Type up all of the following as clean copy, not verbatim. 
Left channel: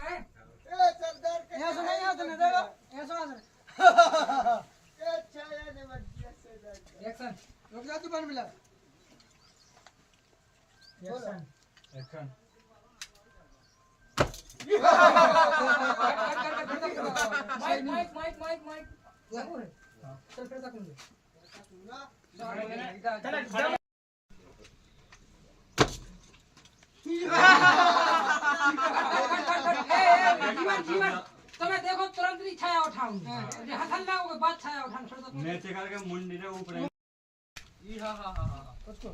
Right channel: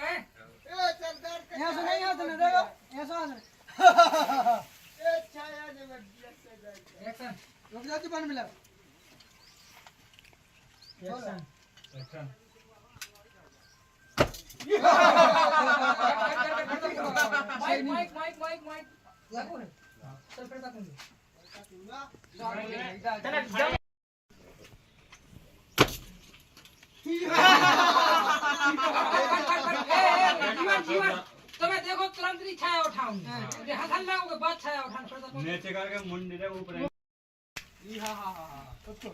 है ए सरदार ये सुन नहीं सुन देखो ये सुन ए छाया ने बढ़िया सरदार एक्शन रुक जा जुबान मिला action mic mic mic mic लागू है चल फिर तक मुझे चल तुम्हें देखो तुरंत ही छाया उठाऊं ये हथन लाओगे बात छाया उठाना छोड़ दो नीचे करके मुंडी रे ऊपर ई हा हा हा उसको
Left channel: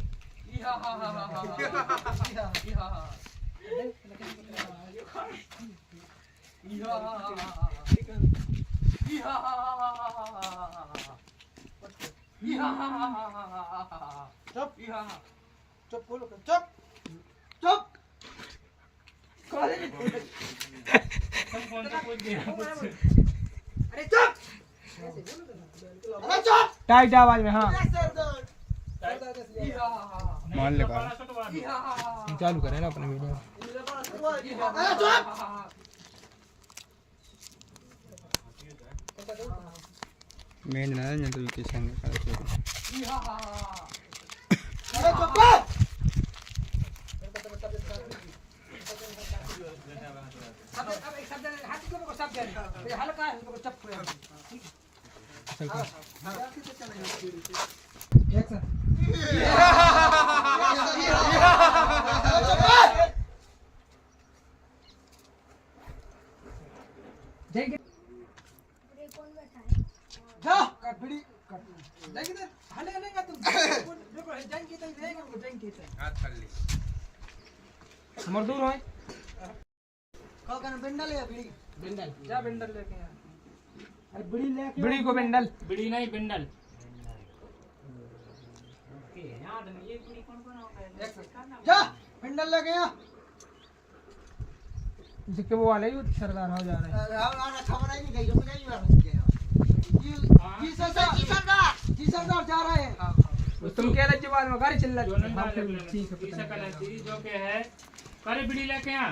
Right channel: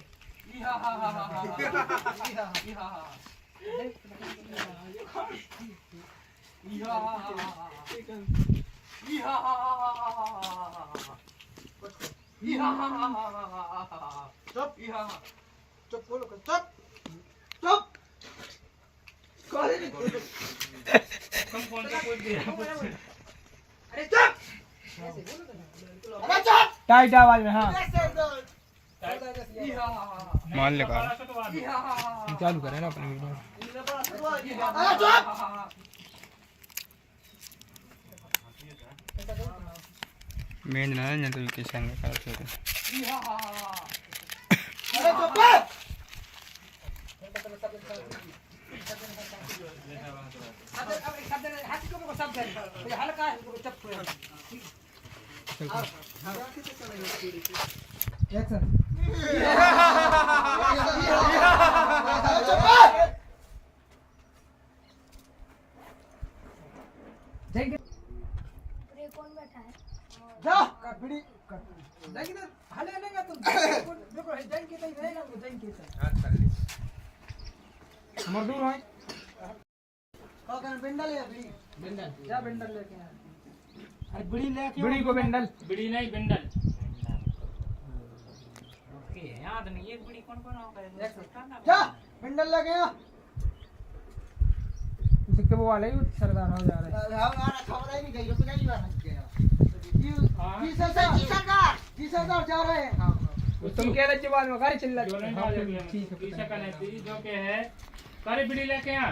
ई हा हा हा हा ई हा हा ई हा हा ई हा हा चुप ई हा चुप बोलो चुप चुप तुम कौन से कोई दिया अरे चुप अरे चुप टाइट आवाज में हाँ सरदार ई हा हा मान ले का ई हा चालू करें ना अपनी वीडियो अरे चुप मेन ना नहीं तो के संग कर सको ई हा अरे चुप अब एक शब्द हाथी को शब्द है हल्का है इनको चप एक्शन जाएंगे जा का बीड़ी जाएंगे तो हले लेगा तुम देखो जाएंगे तो रहेगा तो जाएंगे हाथ कर ली मजदूर है का करन बिंडल है बीड़ी बिंडल जा बिंडल लेके आ अरे बीड़ी लेके बीड़ी को बिंडल बिड़ी नहीं बिंडल जा बिंडल लेके आ उसके वो वाले ही सरदार हो जा रहा है हमारा खबर ही नहीं गई रुक नहीं हुआ जी सरदार जी सरदार जा रहे हैं तुम कह रहे जवान में गाड़ी चल जो नहीं ना रही लेके ठीक है पीछे का नहीं जो के है करे बिड़ी लेके आ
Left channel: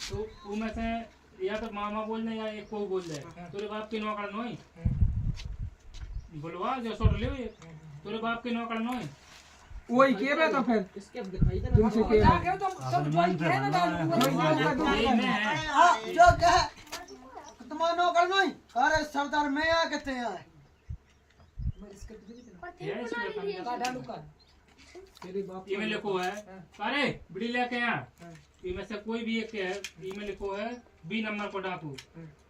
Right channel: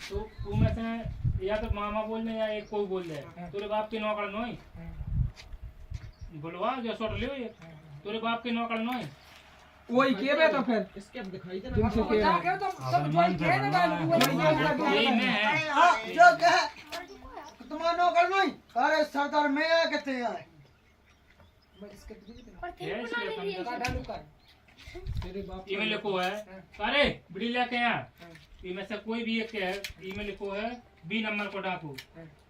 तो तू में से या तो मामा बोल दे या एक कोई बोल दे तेरे बाप की नौकर नोई बोलवा जो सोट लियो ये तेरे बाप की नौकर नोई वही के में तो फिर इसके दिखाई दे तुमसे के जा के तो सब ज्वाइन किए ना यही में है हां जो कह तुम्हारा नौकर नहीं अरे सरदार मैं आ कहते हैं ये इसलिए का डालू कर तेरे बाप ईमेल लिखो है अरे बिड़ी लेके आ इनमें से कोई भी एक है ईमेल लिखो है बी नंबर को डाकू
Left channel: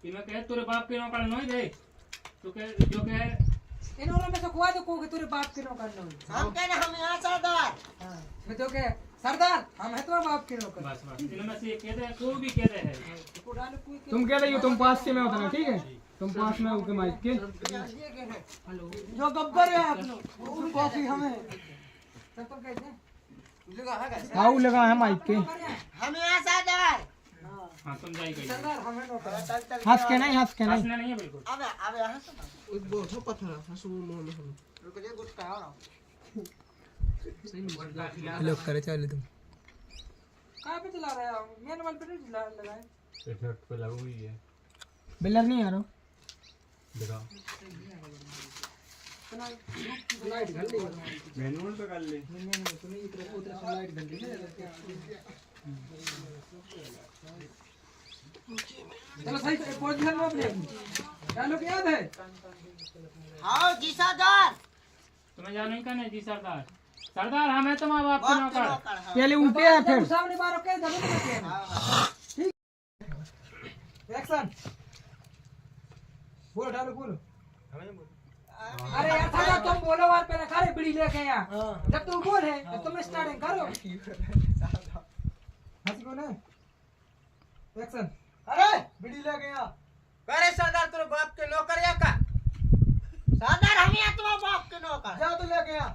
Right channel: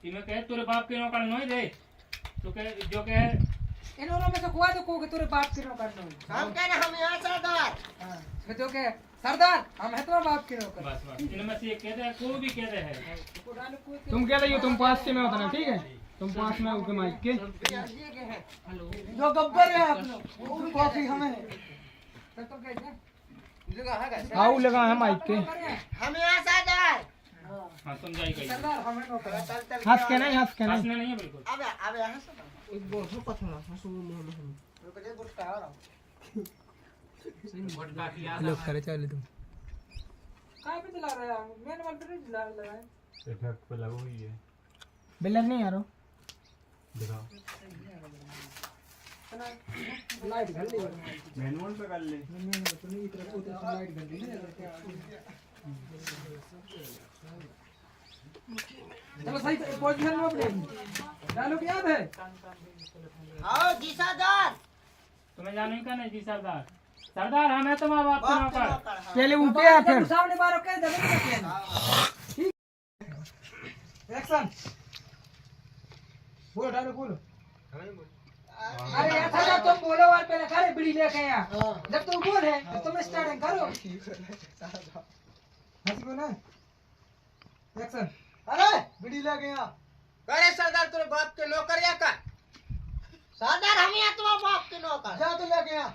इनमें कहे तेरे बाप के नौकर नहीं दे तो कहे जो कहे इन वालों में से कोई तो को तेरे बाप के नौकर नहीं हम कह रहे हम यहाँ सरदार हां मैं तो के सरदार हम है तो बाप के नौकर बस बस इनमें से एक कहते हैं कोई भी कहते हैं को डालू कोई तुम कह रही हो तुम पास से में होना ठीक है तुम पास में होके माइक के हेलो जो गब्बर है अपनो वो कॉफी हमें तब तो कह दे आओ लगा है माइक के हम यहाँ सरदार हाँ समझाई गई सरदार हमें नौकर हंस के नहीं हंस के नहीं हंसना नहीं है बिल्कुल अब अब यहाँ से एक बोल पत्थर हंसू मोल हम रुक जा गुस्सा हो रहा लोग करे चले तुम कहां पे चला रहा है मेन वाल पे नहीं लगाए इफेक्ट पे लगो ही है बिल्डर नहीं आ रहा दिखाओ लाइट घर ले मैनुअल पे कर ले तो नहीं इतना उधर लाइट घर ले चलो सही पोजीशन में अपने डालू के याद है हाँ जी सरदार तुम्हें जानो ही का नहीं जी सरदार सरदार हम है तुम्हारा बाप के बाप के नौकर नौकर हाँ पहले ऊपर आ फिर सामने बार के दबे के एक्शन बोल डालो बोलो अरे यार था तुम बोलो और पहले करे बीड़ी लेके यहाँ जब तू बोल है तो तुम स्टार्टिंग करो हंसी को ना एक्शन अरे बीड़ी लेके आ करे सरदार तेरे बाप के नौकर या का सरदार हम यहाँ तुम्हारे बाप के नौकर जा तो लेके आ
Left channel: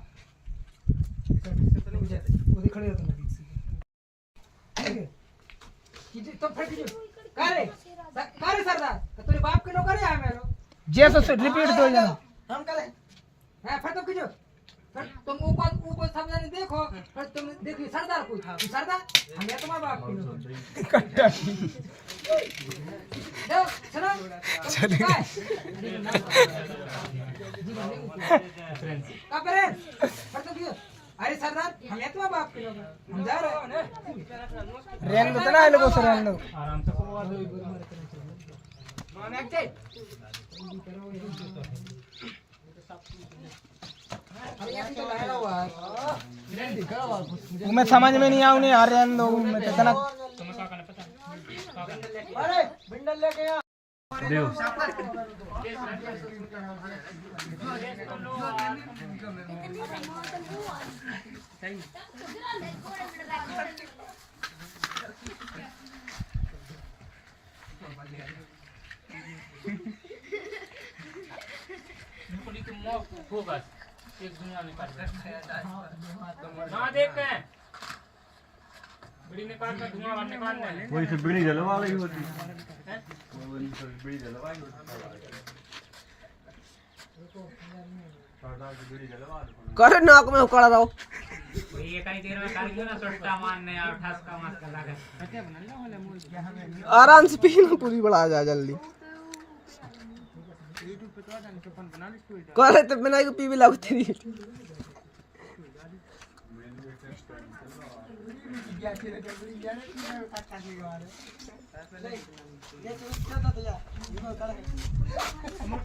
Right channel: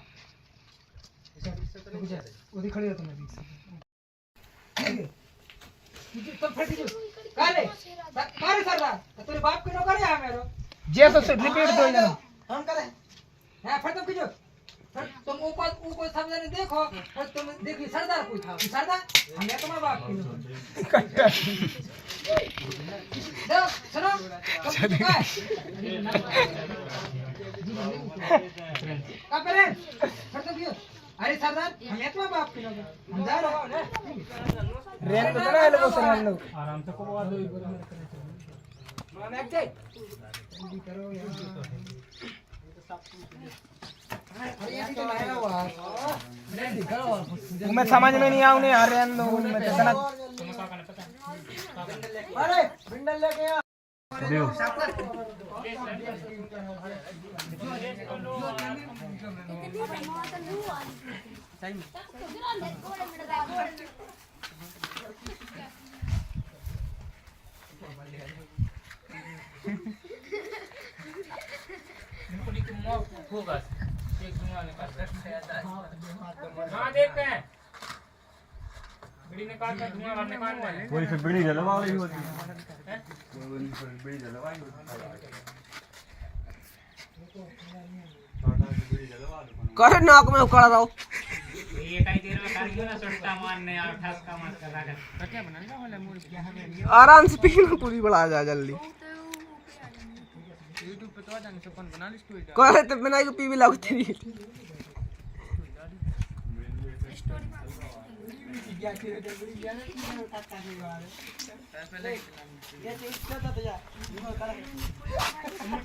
वो दिख खड़े हो तुम तुम फिर करे करे सरदार तेरे बाप के नौकर है मेरे जैसे से रिपीट दो जना हम करें हां फिर तुम कीजिए तुम ऊपर समझने देखो और तुम देखिए सरदार कोई सरदार हम तुम्हारे बाप की दो सुनो क्या है का पेरेंट पर तो क्यों अरे सरदार हम ये तुम्हारे बाप के लोग हम जा रहे हो ना रेन तो ना लोगों से रेन आराम से करवा दो माने अच्छे मैं समझ में नहीं आऊँ नहीं आ रहे हैं लोग में इतना तुम्हें क्या करना पता है अरे बिंडल लेके आ होगा एक धुआं निकाल हाँ देखते हैं बीड़ी निकाल कर धुआं बाहर निकाल वही से बीड़ी जलवा रही होती वही से बीड़ी जलवाई होती करे नाक में उकड़ रहा हूँ ये कहीं देर में खाली ना सोटा मारने और ठसका मार कर लगा क्या बनाना वाला मूड क्या हमें आराम से पीना पूरी बढ़ा जा जल्दी करे तो बिना को पी भी लागू तेरी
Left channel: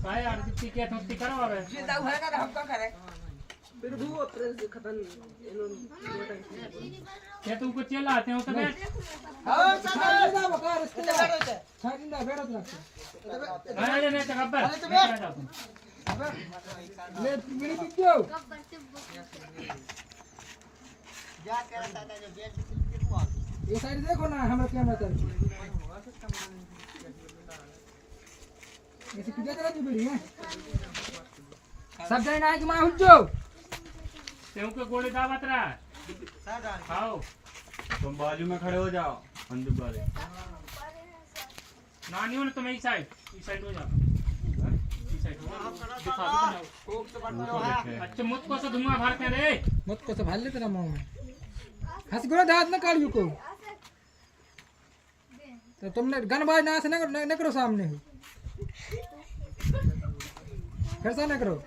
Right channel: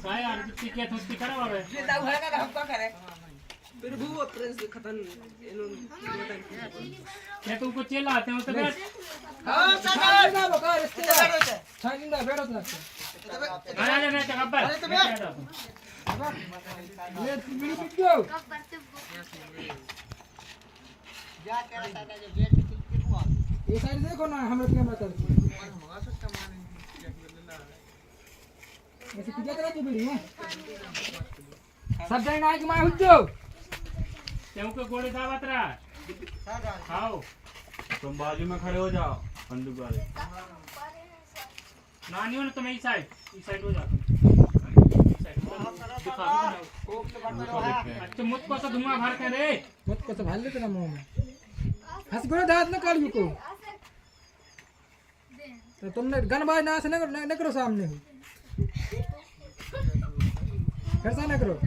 काय यार किसी क्या थोड़ी करो और ये दाऊ है का हम क्या करे फिर भी वो प्रेस खतन क्या तुमको चेला आते हो तो बैठ हां साहब ना बका रिश्तेदार छानी ना बैठो ना आ जा मैं गब्बर ये बीड़ी पी दो जा कर रहा था जो गेट के हुआ ये साइड देखो ना हमें कैमरा चल ऐसे किधर चला बीड़ी है सब जन आए कि मैं हुज्जो तुमको गोली दावत रहा खाओ तुम बाजू में खड़े हो जाओ बंदूक वाले नानी हो ना तुम इस साइड हो जाओ अच्छा मुझको तो धुआं भरते रे मत को तो भाल ले तेरा मुंह में हंस गुना दांत न काढ़ियो को तो तुमने गन बाज ना से न करो सामने हो फिर से न करो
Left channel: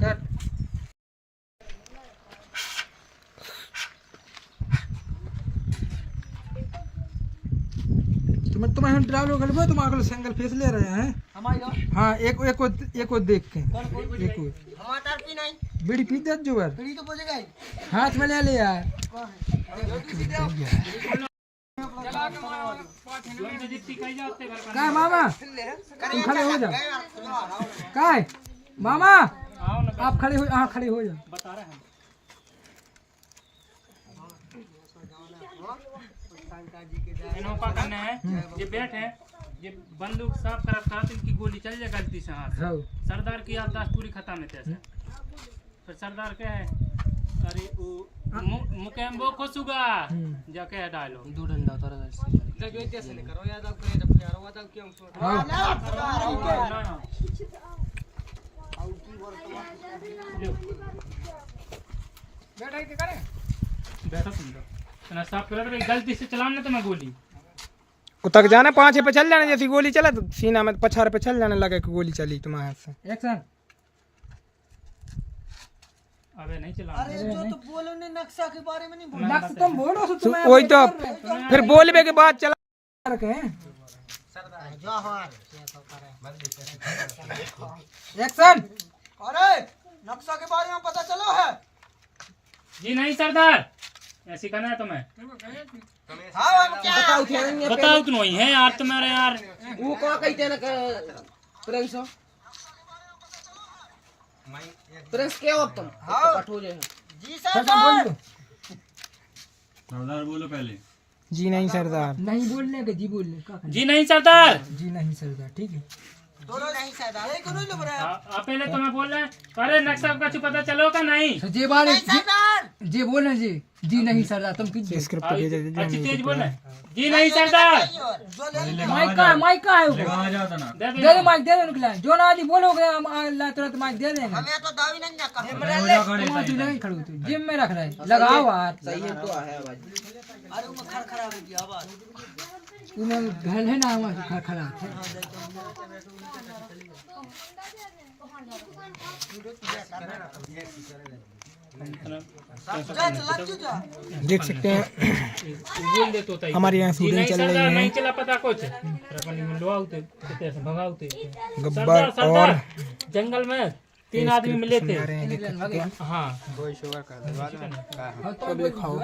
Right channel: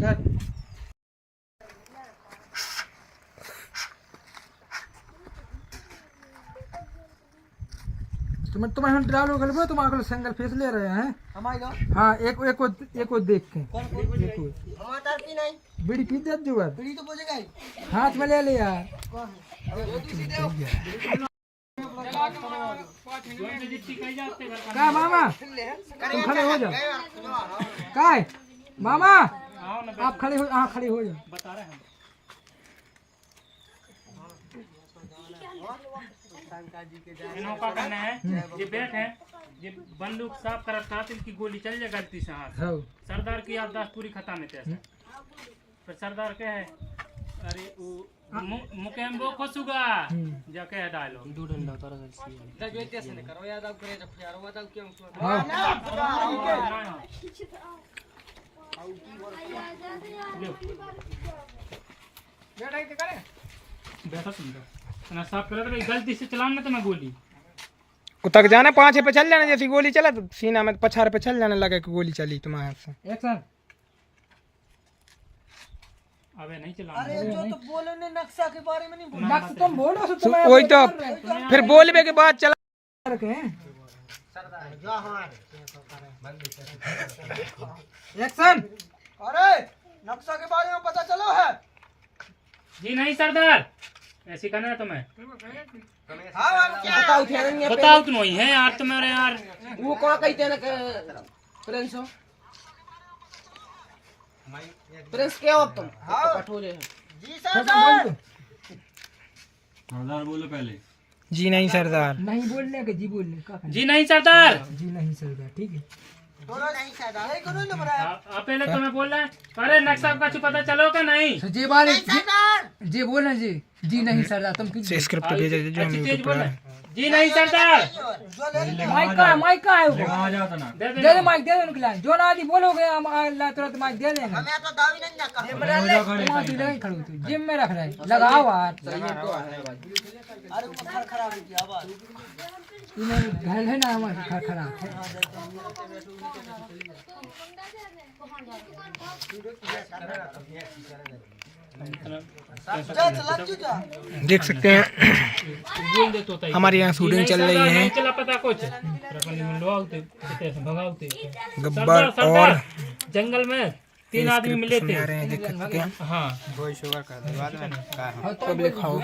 कट तुम्हें हम ड्राइवर गलबो तुम आगल सिंगल फेस ले रहे हैं हमारी दो हाँ एक को देख के कौन कौन एक को हमारा तार की नहीं बीड़ी पी दे जो यार बीड़ी तो बोझेगा ही हाथ में ले ले यार जितनी कही जाते घर का क्या मामा करे खड़े हो जाओ क्या है मामा आओ ना आप खड़े हो हाँ खड़े हो जाओ बता रहे हैं इन्हों का करना है ये बैठ है ये बंदूक साफ करत था इनकी गोली चल जाए गलती से हाथ हाँ सरदार की याददाश्त पूरी खत्म है तैसे फिर सरदार क्या है अरे वो मुकेम्बो खोसुगा जा के डालो दो डंडा उतार दे करो याद आप करे जब यार वो तब क्यों बैठा ही करे बैठो सुंदर ना साफ कर गलती से चलाना तो मैं गोली तक जाना 5 पे चल जाने जैसी गोली चला तो सीना में पछाड़ पे चल जाने लगे कि गोली चली तुम्हारे हाथ से एक्शन अबे नहीं चलाना अरे जो तो बोले ने नक्शा के बारे में नहीं बोला मत तुम बोलो सो तुम्हें वही तो फिर बोलबे के बाद चला रखे हैं जो हमारे एक्शन अरे नक्शा के बारे में पता चलो है जी नहीं सरदार ऐसी करना है तुम्हें हां हम क्या उठेंगे बताओ क्यों नहीं है यार तुम्हारे यार वो कौन कहते ना प्रिंस प्रिंस क्या हो तुम कठोरे जी सरदार सरदार बोलो पहले जी नहीं सरदार नहीं बोलने के जी बोलने का जी नहीं सरदार जी नहीं सरदार ठीक है दोनों नहीं सरदार एक नहीं लग रहा है पहले तो मैं बोल रहा है अरे नक्शा का कुछ पता चलो का नहीं जी बात सरदार जी बोले जी नहीं सरदार तुम किस स्क्रिप्ट भेज दे जो अच्छी तेज बोले जी नहीं सरदार माइक का है वो लगा जाता ना दे दे माइक दे दे निकला जो ना आदि बोलोगे हम अल्लाह तुरंत माइक दे देंगे हमें तो दावी नहीं ना कर तुम तू नहीं खड़ो तू जिम में रख रहे लगाओ हाथ सही तो है भाई अरे वो खरखरा भी की आवाज इन्हें ध्यान है ना हमारे खड़ा देख सकते हैं बोल दे तो हमारे यहाँ शूटिंग चल रही है। चला पता कुछ भगाते गब्बर और जंगल में 3 आदमी मिले थे। समझा रहे हैं, देख सकते हैं। हाँ सब लिखाओ।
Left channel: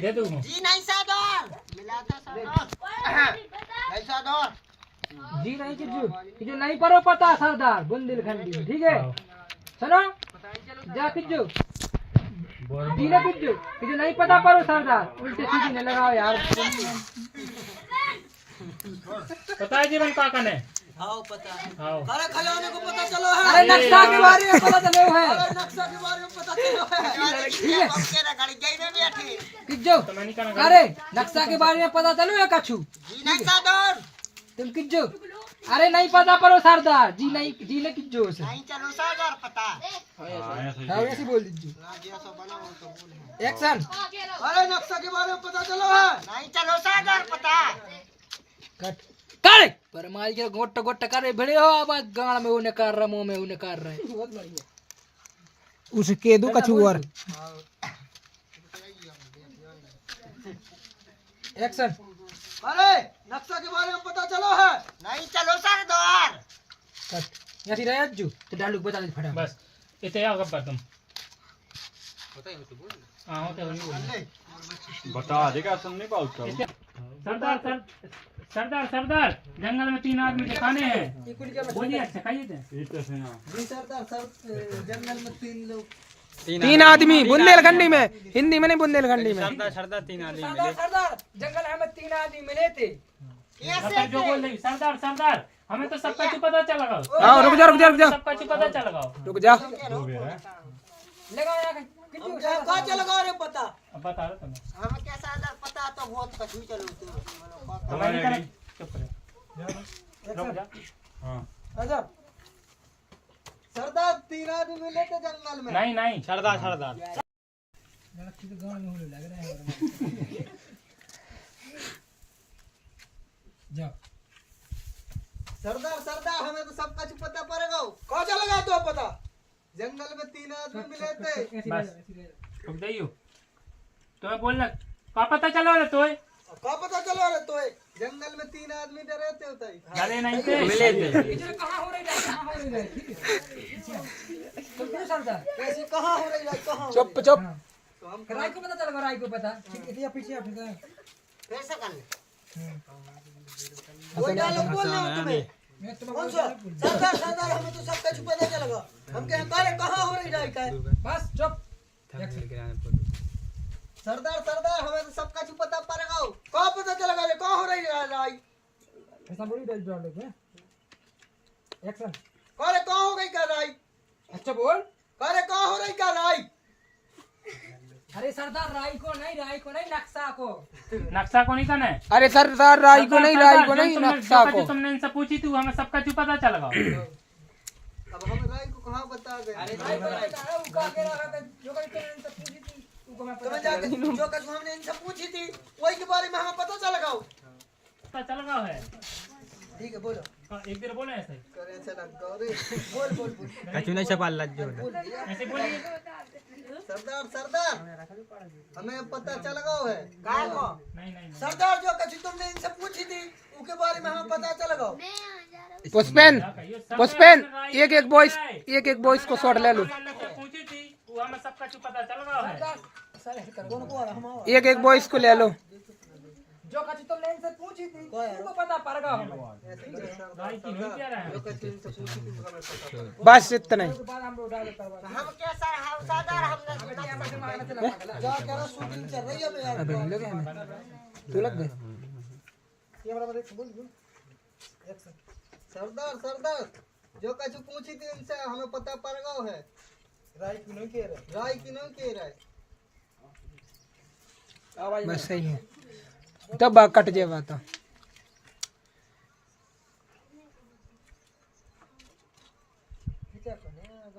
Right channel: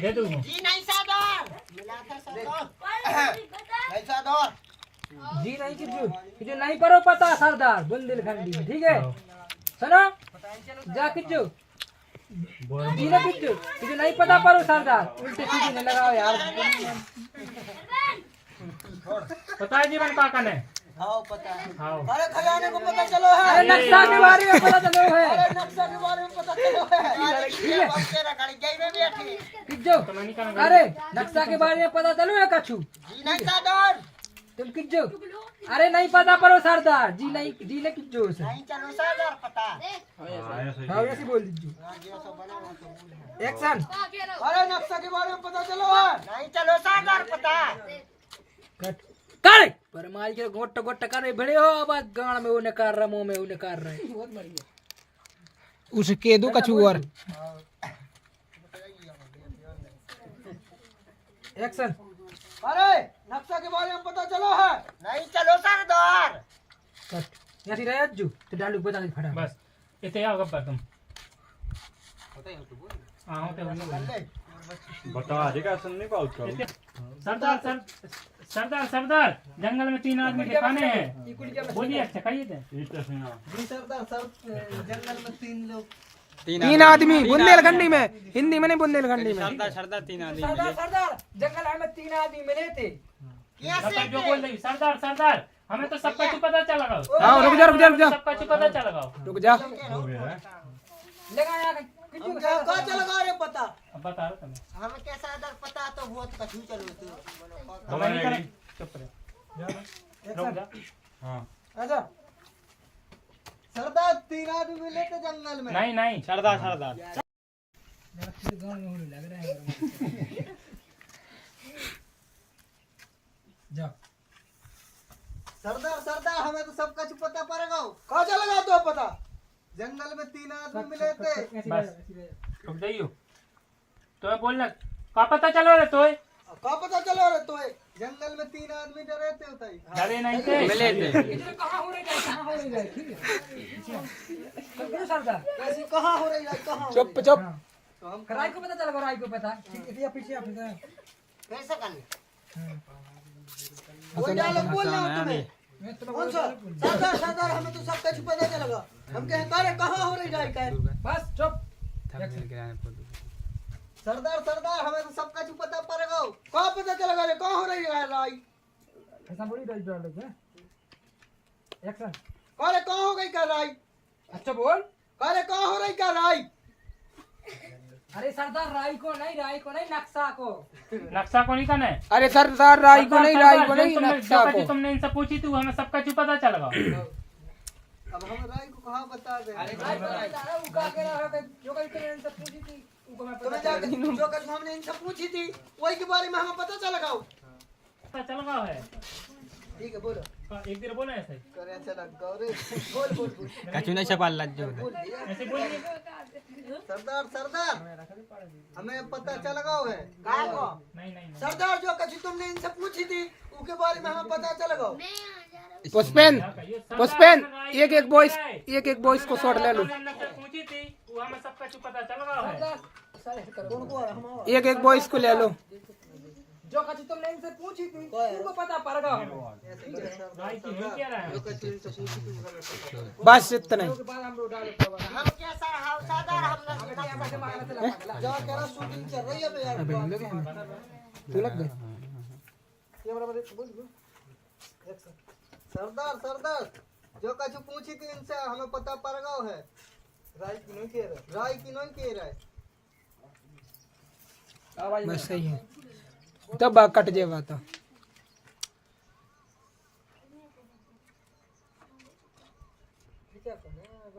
दे दो जी नहीं सादर मिला था सरदार नहीं सादर जी नहीं किजू नहीं परो पता सरदार बुंदेलखंडी में, ठीक है सुनो जा किजू जी ना किजू नहीं पता परो सरदार उल्टे सीधे न लगाओ यार। पता है जीवन काका ने हाँ पता है हाँ अरे खजाने को पता चलो है अरे नक्शा के बारे में पता चलो है अरे नक्शा के बारे में पता चलो है तेरा गाड़ी गई में बैठी किजू अरे नक्शा के बारे में पता चलो है कछु जी नहीं सादर तुम किजू अरे नहीं पता परो सरदार जी ने किजू से नहीं चलो सादर पता हाँ वैसे बोल दीजिए जो सब बने वो सब बोल है एक्शन। अरे नक्शा के बारे में पता चलो है नहीं चलो सादर पता कट करे पर मार के गोट गोट करे भिड़े हो अब गाड़ में उन्हें कर रहा मुंह में उन्हें कर रहा है उसके दो कछु और एक्शन। अरे नक्शा के बारे में पता चलो है नहीं चलो सरदार कट यहाँ से रह जू तो डालू बता दे फटा बस इतने आओ गब्बर तुम हाँ बता देगा सुन नहीं पाऊँ सरदार सरदार सरदार जंगल में 3 आदमी दिखाने हैं बोलिए अच्छा कहिए थे जी सरदार सर जंगल में 3 लोग 3 आदमी बुंदेलखंडी में, हिंदी में नहीं बुंदेलखंडी में। सरदार जंगल हमें 3 आदमी मिले थे। बता जो बोल रही सरदार सरदार हमें तो सबका कुछ पता चल गया। हाँ रुक जा सबका कुछ पता चल गया। रुक जा। लगा यहाँ हम क्या कहाँ चल गए रे पता अब बता रहे तुम्हें हमें क्या सादर पता तो बहुत कठिन चलो चुप रहो रुक जा। हाँ अच्छा सरदार 3 आदमी मिले थे जंगल में नहीं नहीं सरदार सरदार जाओ सरदार सरदार हमें तो सब कुछ पता पड़ेगा कहाँ चल गए तो पता जंगल में 3 आदमी मिले थे रुक जाइयो तो बोलना का पता चला रे तो कहाँ पता चलो रे तो जंगल में 3 आदमी डरे थे उताई डरे नहीं थे मिले थे कहाँ हो रही है ठीक है सरदार कैसे कहाँ हो रही है कहाँ चुप तो हम राय को पता चला राय को पता ठीक है पीछे आप कैसे करने कोई डायलॉग बोलना हो तुम्हें कौन सा सरदार सरदार हमें तो सब कुछ पता चलेगा हम कहें कहाँ हो रही है बस चुप सरदार सरदार हमें तो सब कुछ पता पड़ेगा कहाँ पता चलेगा रे कहाँ हो रही है राय ऐसा बोली डायलॉग है एक्शन। अरे कहाँ हो गई क्या राय अच्छा बोल अरे कहाँ हो रही क्या राय अरे सरदार राय को नहीं नक्शा को नहीं करना है। अरे सरदार राय को नहीं नक्शा को। तुमने इनसे पूछी थी हमें सबका कुछ पता चल गया। अब हम राय को कहाँ बता दे अरे राय वो का के रहा था जो कल तुमने इनसे पूछी थी उनको मैं तुम्हें पता जाके जो कुछ हमने इनसे पूछी थी वही के बारे में हमें पता चलेगा पता चल गया है। ठीक है बोलो हाँ, एक दिन बोले ऐसे करे चला गौरी बोल बोल बोल कछु छपाल लग जो बोल दिया ऐसे बोलिए सरदार सरदार हमें पता चलेगा है काय को नहीं सरदार जो कुछ तुमने इनसे पूछी थी उसके बारे में हमें पता चलेगा पुष्पेन एक वॉइस को शॉट ले लो। पूछी थी वो हमें सबका कुछ पता चल गया है। कौन को हम एक वॉइस को ले लो। जो कछ तुमने इनसे पूछी थी उनको पता पड़ेगा हमें राय की नहीं क्या रहा है। जो कुछ इनसे पूछी थी वो हमें पता बस इतना ही। उसके बाद हम लोग डाले करवा हम कैसा हम सादर हम के मारना चला पागल क्या कह रहा शूटिंग चल रही है तो यार तू लग गए। कैमरा में देख बोल सरदार सरदार जो कुछ पूछी थी इनसे हमें पता पड़ेगा है राय की नहीं कह रहा है बस सही है तब कट जाएगा तो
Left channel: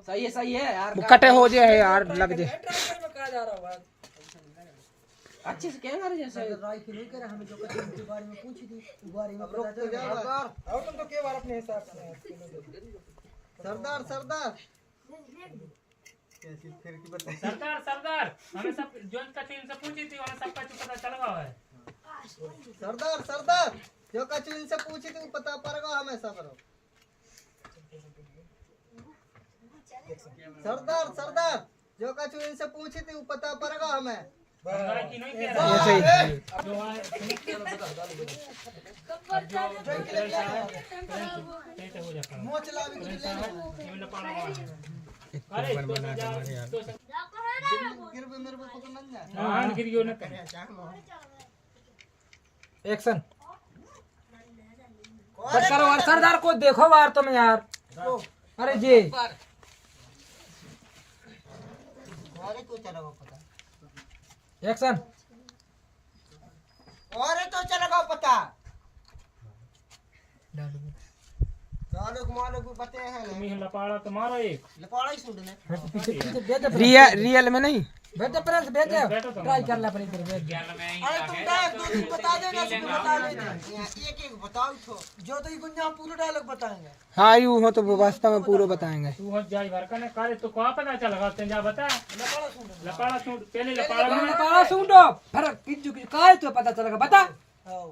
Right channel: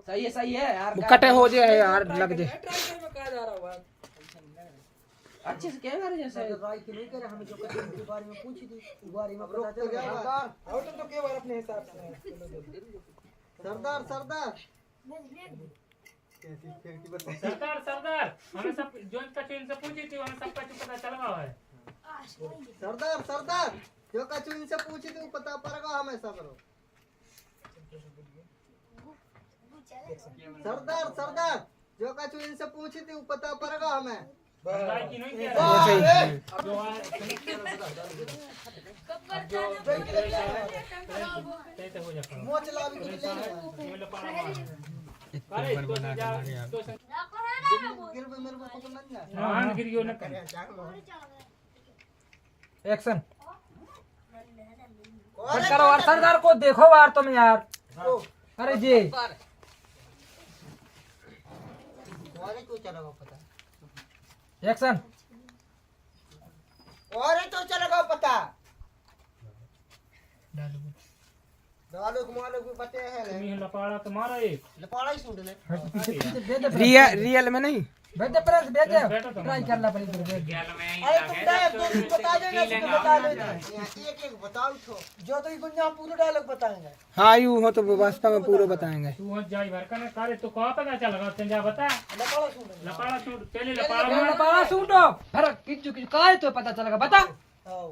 सही है यार वो कटे हो जाए यार लग जाए। ट्राई कर में कहा जा रहा है अच्छे से क्या करे जैसे राय की नहीं करे, हमें जो कभी उनके बारे में पूछी थी उस बारे में पता चला। और तुम तो के बार अपने हिसाब से सरदार सरदार सरदार सरदार हमें सब जो इनका चीन से पूछी थी हमें सबका कुछ पता चल गया है। सरदार सरदार जो कछु इनसे पूछी थी वो पता पड़ेगा हमें सब करो। सरदार सरदार जो कछु इनसे पूछी थी वो पता पड़ेगा हमें। राय की नहीं कह रहा है। कैसे हो जाता है मोच लावी के लिए ये लपाड़ा मार अरे तो जा तो गिर पे मेरे को पकड़ना नहीं। हां गिर गयो ना एक्शन कट करो यार, सरदार को देखो यार तुम यार। अरे जी और तो चलेगा पता, एक्शन और तो चलेगा पता। डालूक मालूक भी पते हैं तुम ही लपाड़ा तो मारो एक लपाड़ा ही सुन ले। पीछे पीछे भेज दे, रियल में नहीं। भेज दे प्रेस, भेज दे, बैठो तुम। ट्राई कर ले अपनी तरफ, भेज दे। अरे तुम डायरेक्ट दो दिन बता देना, सब बता लेना। एक एक बताओ तो जो तो ये गुंजा पूरा डायलॉग बताएंगे। हाँ यूँ हो तो वो वास्तव में पूरा बताएंगे। तू हो जाई भर का ने करे तो कहा पता चलेगा तंजा बता लपाड़ा सुन ले। लपाड़ा छोड़ पहले लपाड़ा पहले मार लपाड़ा सूंढो, फिर किच्चू की काय तो पता चलेगा, बता। आओ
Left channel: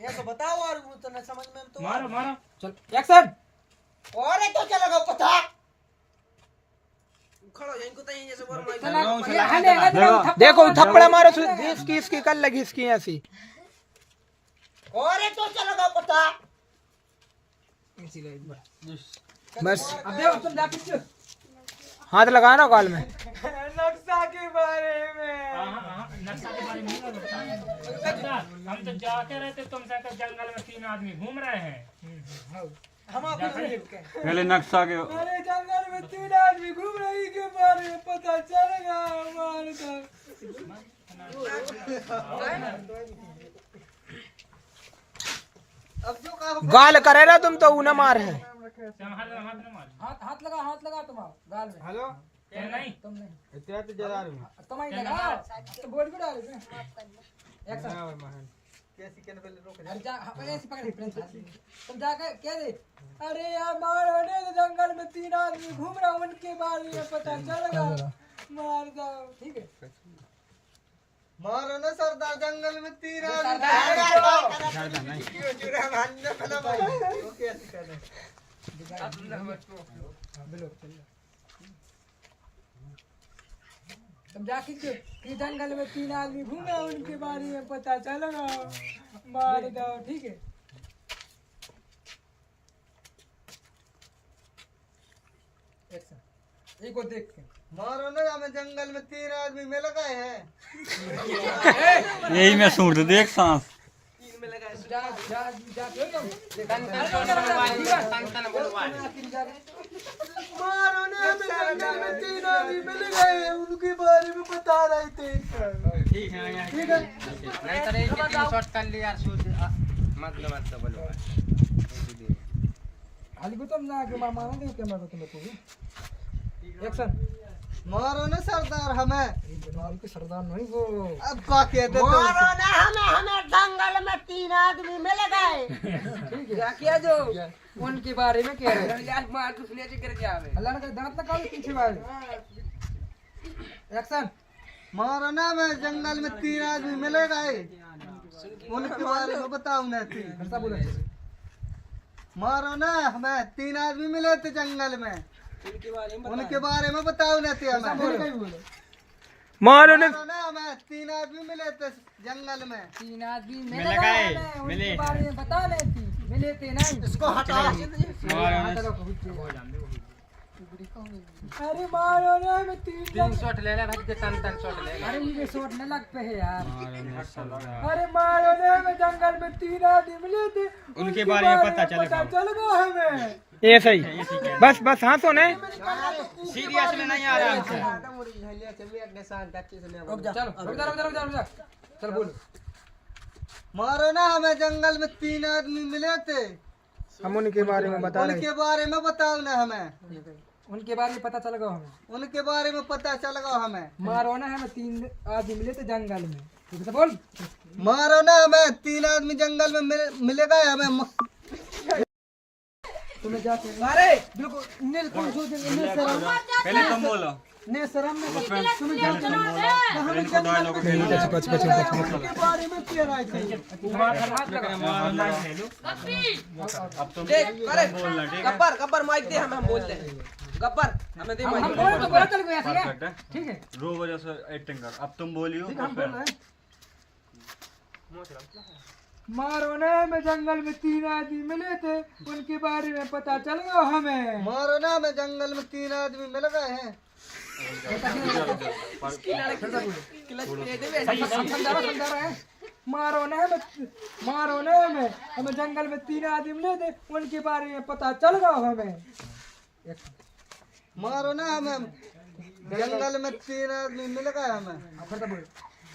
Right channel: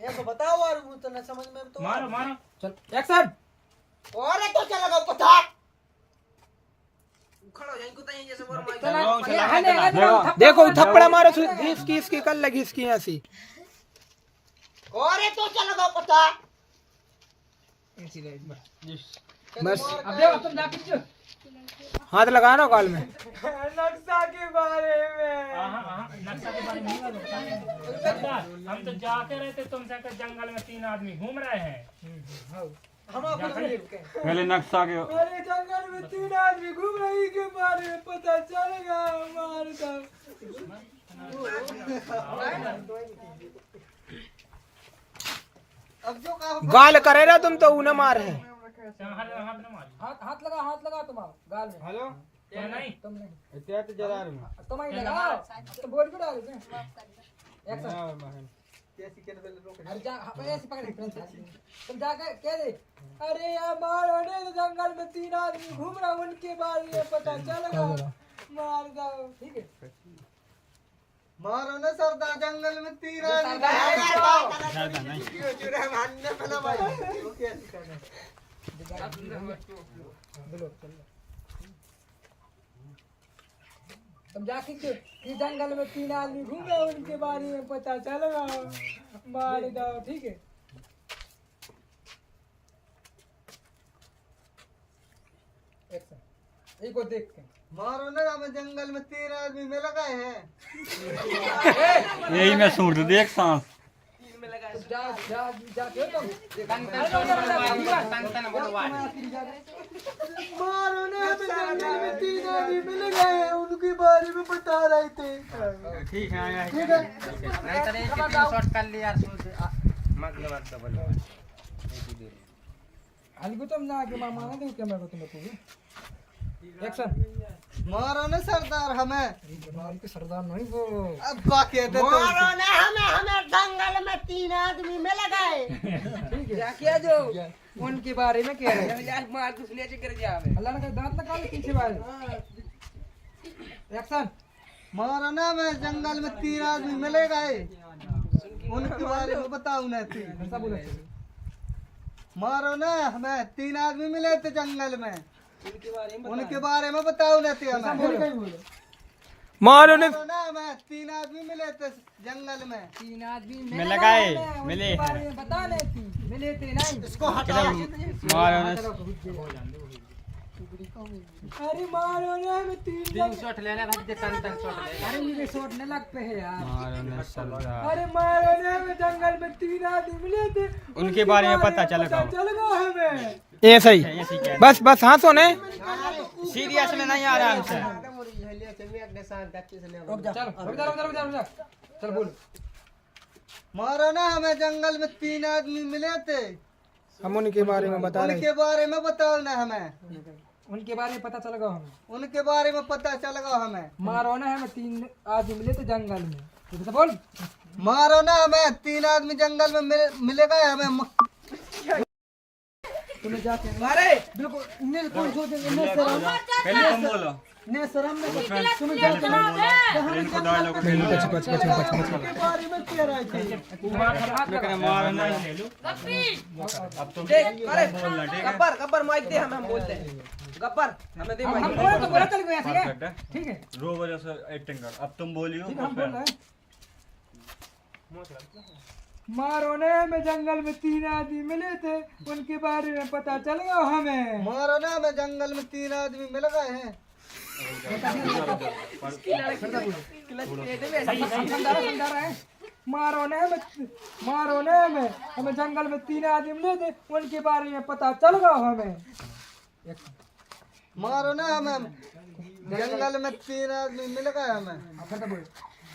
ये तो बताओ और वो तो न समझ में तो मारो मारो चल एक्शन और तो चलेगा पता। खड़ो इनको तो ये जैसे देखो थप्पड़ मारो घिसकी इसकी कल लगी इसकी ऐसी। और तो चलेगा पता। बस अब देखो तुम जा किच्चू हाथ लगाना गाल में। नक्शा के बारे में नक्शा के बारे में नहीं बताएंगे सरदार हम तो जाके रहे थे तुमसे तो जंगल में 3 आदमी घूम रहे हैं हम आपको पहले नक्शा के अरे जंगल में 3 आदमी घूम रही के बारे में पता चलेगा हमारे अब जो कहा गाल करे ना तुम तो उन्हें मार है। हाथ लगा तुम गाल में। हेलो तुम नहीं इतना तो जरा तुम ही लगाओ तो बोल भी डाल दे। एक्शन कैसी के पहले रोक अरे जा ऐसे पकड़ प्रिंस, तुम जाकर कह दे अरे यार मार होने तो जंगल में 3 आदमी घूम रहा उनके बारे में पता चलेगा, मार दो। ठीक है मारो ना सरदार जंगल में 3 आदमी क्यों चुरा मारने पहला भाई वो कैसे करना बोलो चल तुम जाके कि जंगल में 3 आदमी घूम रहे उनके बारे में पता चलेगा, मार दो। ठीक है एक्शन एक को देख के मारो ना हमें जंगल में 3 आदमी मिल गए हैं। यही मैं सूट देख सांस जा जा जा तुम मारो ना हमें जंगल में 3 आदमी मिल गए हैं उनके बारे में बता रहे थे। ठीक है ठीक है शॉट कर ले यार सोच मतलब बोलो अलगू तुम ना के मामा ना दे कैमरा को तुम्हें पूरी एक्शन मारो ना सरदार हमें के सरदार नहीं वो अब बाकी है मारो ना हमें जंगल में 3 आदमी मिल गए। ठीक है क्या जो उनके बारे में कह रहे हैं यार, मार कुछ ले कर जावे अल्लाह ने दांत लगा ले पीछे वाले। एक्शन मारो ना हमें जंगल में 3 आदमी मिल गए उनके बारे में बताओ ना थी। ऐसा बोले मारो ना हमें 3 आदमी मिले थे जंगल में उनके बारे में बताओ ना थे हमें। मारो ने मारो ना हमें 3 आदमी मिले थे जंगल में 3 आदमी मिल गए उनके बारे में बता ले थी मिले थे नहीं इसको हटाओ। अरे मारो ना हमें 3 शॉट ले ले भाई दे तन शॉट ले। अरे ये शॉट न लग पे है यार। अरे मारो ना हमें जंगल में 3 आदमी मिले थे उनके बारे में पता चलेगा हमें। ऐसा ही बस बस हाथों ने सीरियस में नहीं आ रहा है चल चल बोल मारो ना हमें जंगल में 3 आदमी मिले थे हम उनके बारे में बता रहे। उनके बारे में बताओ ना हमें। उनके बारे में पता चलेगा हमें। उनके बारे में पता चलेगा हमें। मारो ना हमें 3 आदमी मिले थे जंगल में ठीक से बोल। मारो ना हमें, 3 आदमी जंगल में मिलेगा हमें। तुम्हें जाते अरे बिल्कुल नील कौन सो देंगे ने शर्म पहले तुम बोलो ने शर्म ने तुम्हें जाते ना हम जंगल में पछ बारे में कह रहे थे। हाथ लगा। अब तुम बोलना, ठीक है? गब्बर माइक दे, हम बोल रहे हैं। गब्बर हमें दे। हम बोले तो बोला चल गया था परफेक्ट है। ठीक है। रो वजह से एक्टिंग कर। अब तुम बोलियो। हम बोल रहे हैं मारो ने में जंगल में 3 आदमी मिले थे, उनके बारे में पता चल गया हमें। मारो ना हमें, जंगल में 3 आदमी मिल गए हैं। समझा रहा है। मारो ने में हमें जंगल में 3 आदमी मिले थे, उनके बारे में पता चल गया हमें। मारो ना हमें, जंगल में 3 आदमी मिल गए हमें।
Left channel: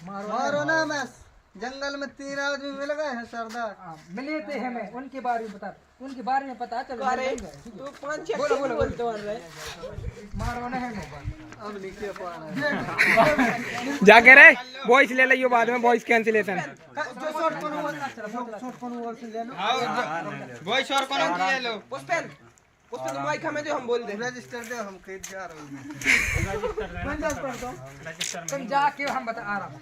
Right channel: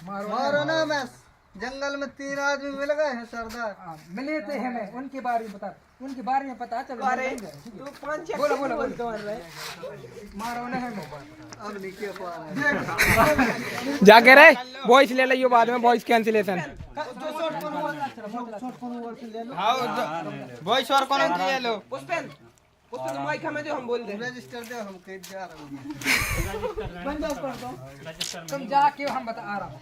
मारो ना हमें, जंगल में 3 आदमी मिल गए हैं सरदार। मिले थे हमें, उनके बारे में पता चल गया। बोलो बोलो मारो ने हमें। अब नहीं कह पा रहे जाके रे वॉइस ले लियो, बाद में वॉइस कैंसिलेशन। जो शॉर्ट कौन हुआ से ले लो। वॉइस और कौन ले लो। पुष्पेन माइक हमें दे, हम बोल दे। रजिस्टर दे, हम कहीं जा रहे हैं। तुम जाके हम बता आ रहा हूँ।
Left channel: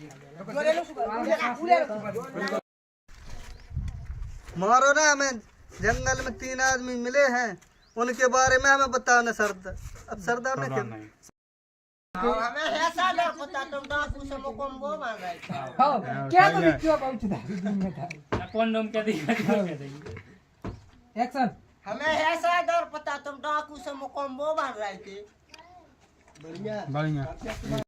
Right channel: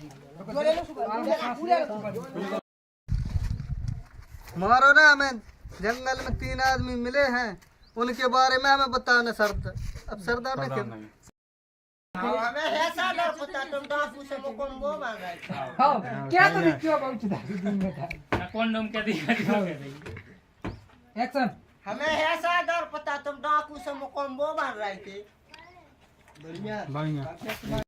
मारो ना हमें, जंगल में 3 आदमी मिले हैं, उनके बारे में हमें बताओ ना सरदार। अब सरदार ने क्या हमें है सरदार पता, तुम डाकू से मुकम्बो मांग रहे थे। हाँ क्या तो क्यों पहुंचता कौन क्या दिया एक्शन। हमें है सरदार पता, तुम डाकू से मुकम्बो मांग रहे थे। बढ़िया।